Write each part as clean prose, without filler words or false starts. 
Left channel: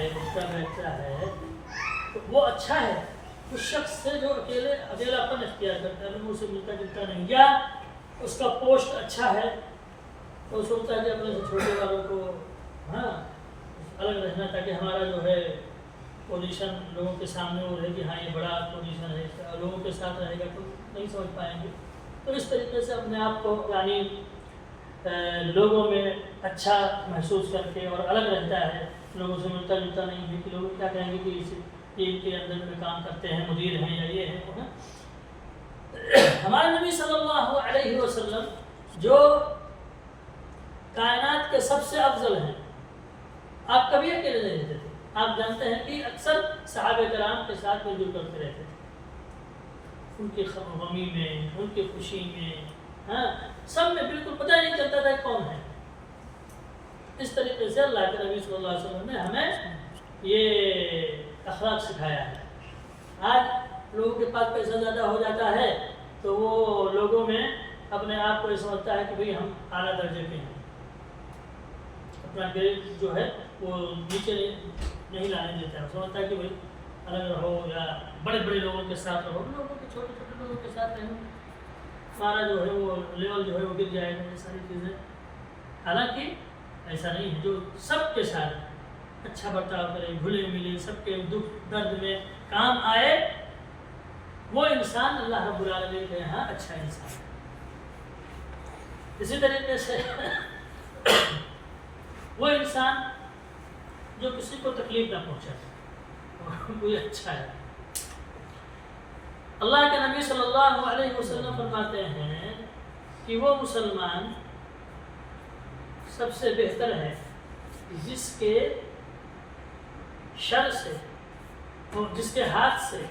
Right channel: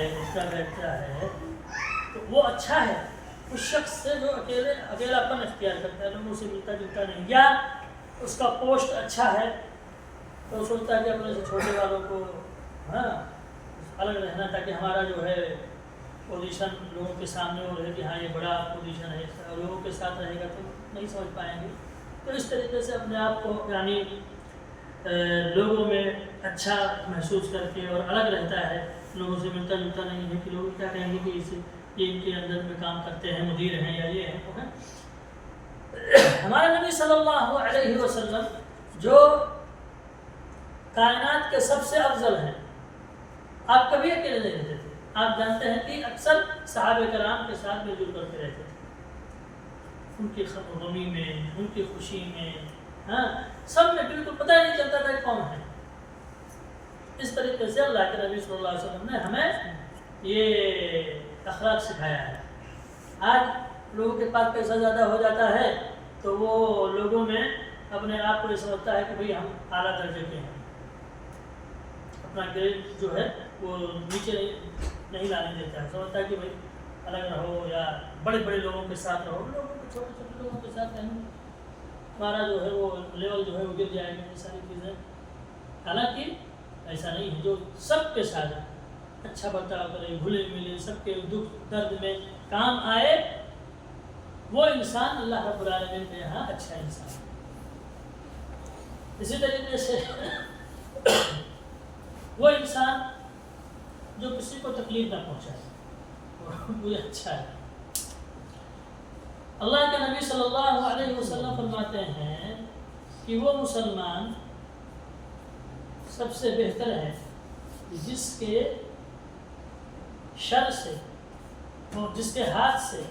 ہے اٹھتا بیٹھتا ہے تو وہ اچھا ہے اس شخص سے جو اکیلاپن اختیار کرتا ہے، لوگوں سے ملتا جلتا نہیں، یا اس کا پوسٹ اچھا ہے تو سوچتا ہے کہ اپنے سے چھوٹے والوں کو الگ رہنا، تاکہ ہمارا جو ہے پوزیشن لوگوں کے سامنے وہ رہے کہ ہاں یہ بڑا پوزیشن ہے، لوگوں کے ساتھ رہے گا تو نہیں سمجھ پائیں گے. تو اس طریقے سے اپنے آپ کو یعنی لوگوں میں اچھا محسوس کر کے اور الگ رہتا ہے، لوگوں سے ملتا جلتا نہیں ہے کہ لوگ کیا کہیں گے کہ یہ ان کے اندر میں کام کرتے ہیں، مدیر ہیں یا یہ ہے. ہمارے نبی صلی اللہ علیہ وسلم جو کائنات کے سب سے افضل ہیں، آپ کبھی اکیلے نہیں رہتے تھے. آپ جانتے ہیں کہ اکثر صحابہ کرام کے ساتھ مل جل کرتے رہتے تھے، ان کی غمی میں، ان کی خوشی میں، سب میں بالکل پتہ ہی نہیں چلتا تھا کون ہے. اس طریقے سے اللہ کے نبی صلی اللہ علیہ وسلم نے ہمیں یہ اخلاق سکھایا ہے. آج لوگوں کے پاس پیسہ زیادہ ہو جاتا ہے تو وہ لوگوں میں اپنے آپ کو یہ سمجھتا ہے کہ بھئی ہم اعلیٰ درجے کے ہیں، اپنا گریڈ جو ہے وہ نیچے نہیں لانے دیتے ہیں. سمجھتا ہے کہ بھئی الگ رہو یا بڑے بڑے لوگوں کے ساتھ رہو، لوگوں کے چھوٹے چھوٹے لوگوں کے ساتھ رہیں، ہمارا جو ہے وہ لیول جو ہے وہ گر جائے گا. یہ ساری چیزیں حالانکہ ایسا نہیں ہے. جو سب کے ساتھ اچھا برتاؤ کرے، گھلے ملے، سب کے دکھ درد میں کام آئے، وہ انسان اللہ رب العالمین کے یہاں اچھا انسان ہے. اسی طریقے سے وہ انسان جو کسی کو تکلیف نہ پہنچائے وہ اچھا ہے. اللہ کے نبی صلی اللہ علیہ وسلم فرماتے ہیں کہ وہ مسلمان سب سے بہتر ہے جس کے شر سے اور جس کے ہاتھ سے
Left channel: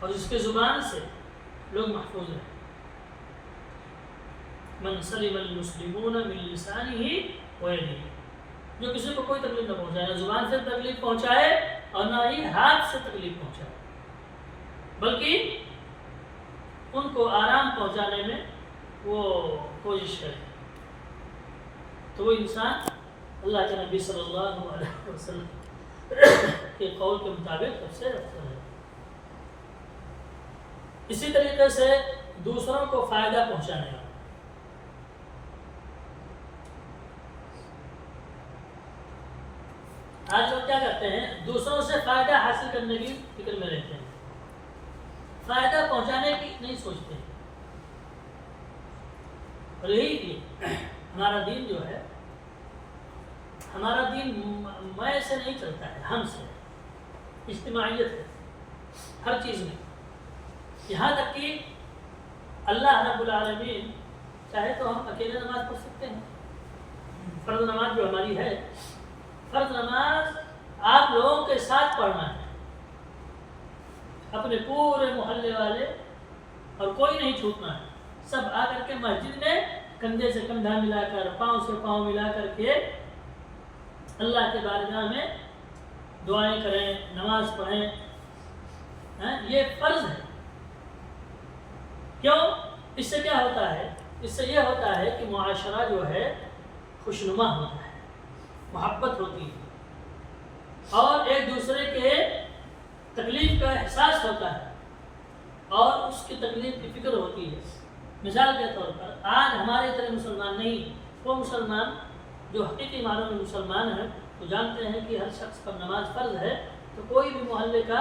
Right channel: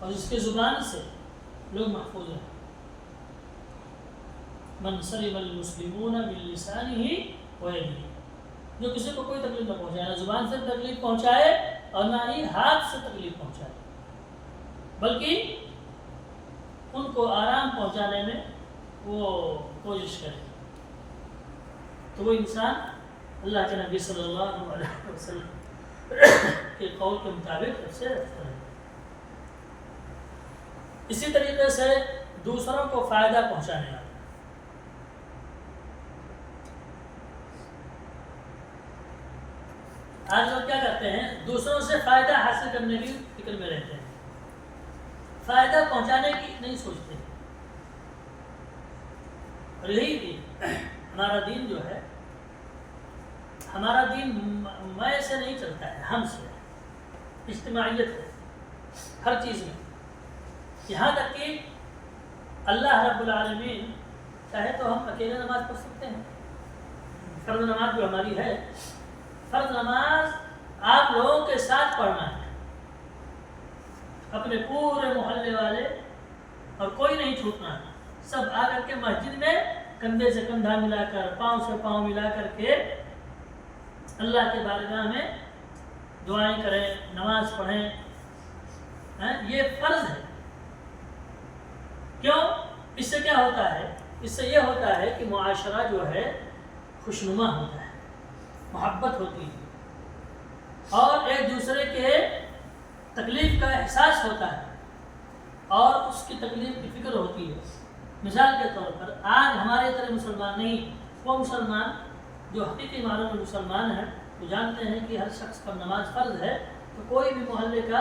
اور جس کے زبان سے لوگ محفوظ ہیں. من سلم المسلمون من لسانه ويده، جو کسی کو کوئی تکلیف نہ پہنچائے، نہ زبان سے تکلیف پہنچائے اور نہ ہی ہاتھ سے تکلیف پہنچائے، بلکہ ان کو آرام پہنچانے میں وہ کوشش کرے. تو وہ انسان اللہ کے نبی صلی اللہ علیہ وسلم کے قول کے مطابق سب سے افضل ہے. اسی طریقے سے دوسروں کو فائدہ پہنچانے والا. آج لوگ کیا کرتے ہیں؟ دوسروں سے فائدہ حاصل کرنے کی فکر میں رہتے ہیں، فائدہ پہنچانے کی نہیں سوچتے. اور یہی کہ ہمارا دین جو ہے، ہمارا دین میں سے نہیں چلتا ہے، ہم سے اجتماعیت ہے ہر چیز میں. یہاں تک کہ اللہ رب العالمین چاہے تو ہم اکیلے نماز پڑھ سکتے ہیں. فرض نماز جو ہماری ہے، فرض نماز آپ لوگوں کے ساتھ پڑھنا ہے، اپنے پورے محلے والے اور کوئی نہیں چھوٹنا ہے. سب آ کر کے مسجد میں کندھے سے کندھا ملا کر، پاؤں سے پاؤں ملا کر کے اللہ کے بارگاہ میں دعائیں کریں، نماز پڑھیں. یہ فرض ہے. کیوں؟ اس سے کیا ہوتا ہے؟ اس سے یہ ہوتا ہے کہ معاشرہ جو ہے خوشنما ہوتا ہے، محبت ہوتی ہے، اور ایک دوسرے کے تکلیف کا احساس ہوتا ہے اور اس کی تکلیف کی فکر ہوتی ہے. مثال کے طور پر آج ہمارے طرح مسلمان نہیں، وہ مسلمان جو حقیقی معنوں میں مسلمان ہیں تو جانتے ہیں کہ ہر شخص پر نماز فرض ہے. تو کوئی بھی محلے کا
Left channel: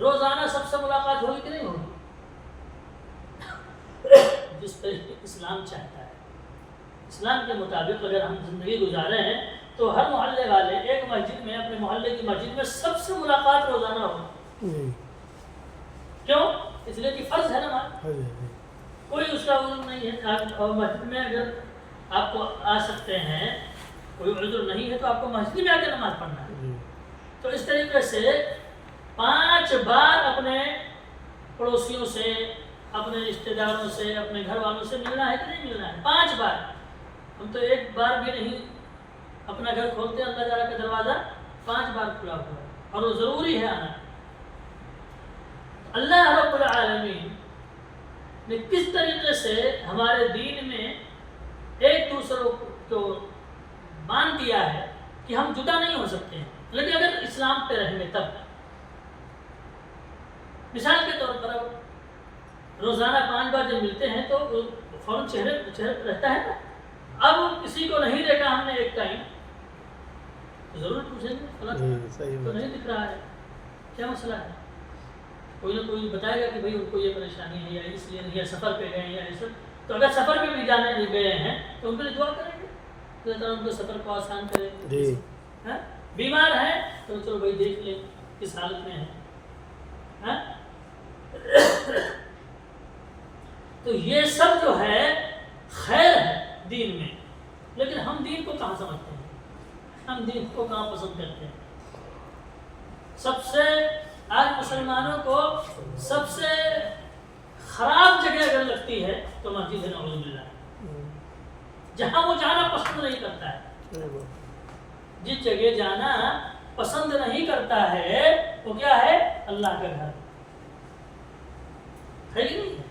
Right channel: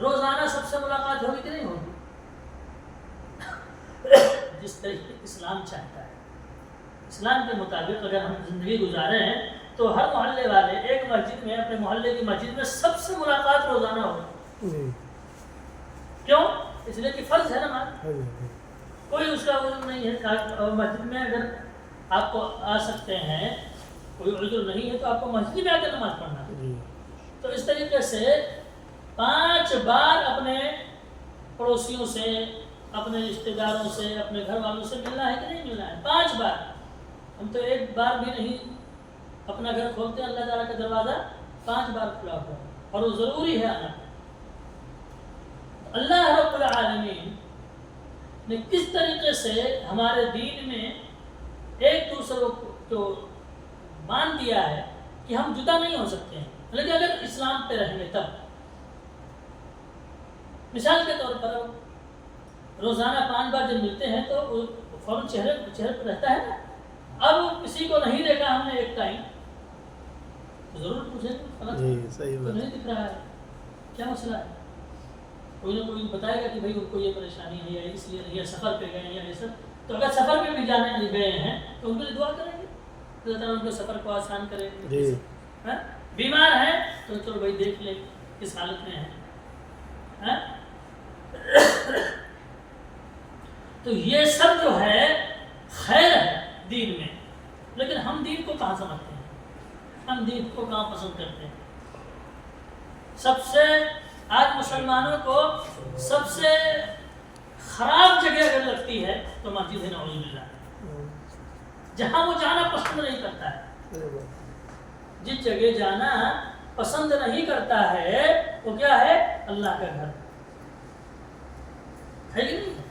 روزانہ سب سے ملاقات ہوگی کہ نہیں ہوگی؟ جس طریقے اسلام چاہتا ہے، اسلام کے مطابق اگر ہم زندگی گزارے ہیں تو ہر محلے والے ایک مسجد میں، اپنے محلے کی مسجد میں سب سے ملاقات روزانہ ہوگی. کیوں؟ اس لیے کہ فرض ہے نماز، کوئی اس کا عذر نہیں ہے. اور مسجد میں اگر آپ کو آ سکتے ہیں، کوئی عذر نہیں ہے تو آپ کو مسجد میں آ کے نماز پڑھنا ہے. تو اس طریقے سے 5 بار اپنے پڑوسیوں سے، اپنے رشتہ داروں سے، اپنے گھر والوں سے ملنا ہے کہ نہیں ملنا ہے؟ 5 بار. ہم تو ایک بار بھی نہیں اپنا گھر کھولتے، اللہ تعالیٰ کا دروازہ 5 بار کھلا ہوا ہے اور وہ ضروری ہے آنا. اللہ رب العالمین نے کس طریقے سے ہمارے دین میں ایک دوسروں کو باندھ دیا ہے کہ ہم جدا نہیں ہو سکتے ہیں. لیکن اگر اسلام پہ رہیں گے تب، مثال کے طور پر اب روزانہ 5 بار جب ملتے ہیں تو فوراً چہرے پہ رہتا ہے نا. اب کسی کو نہیں دیکھا ہم نے ایک ٹائم تو ضرور پوچھیں گے فلاں تو نہیں دکھ رہا ہے، کیا مسئلہ ہے؟ کوئی نہ کوئی بتائے گا کہ بھائی ان کو یہ پریشانی ہے یا اس لیے یا سفر پہ گئے یا یہ سب. تو اگر سفر پہ بھی جانے گئے ہیں تو ان کے لیے دعا کریں گے اللہ تعالیٰ ان کو سفر کو آسان کرے. بیمار ہیں تو چلو بھائی دیکھ لیں کس حالت میں ہیں. تو یہ سب جو ہے خیر ہے دین میں، لیکن ہم دین کو کہاں سمجھتے ہیں، ہم دین کو کہاں پسند کرتے ہیں. سب سے آج مسلمانوں کو سب سے خراب جگہ اگر لگتی ہے تو مسجد ہے، نعوذ باللہ، جہاں وہ جانا پسند نہیں کرتا ہے. جس جگہ جانا پسند نہیں کرتا ہے وہ کیا ہے؟ اللہ کا گھر ہے کہ نہیں؟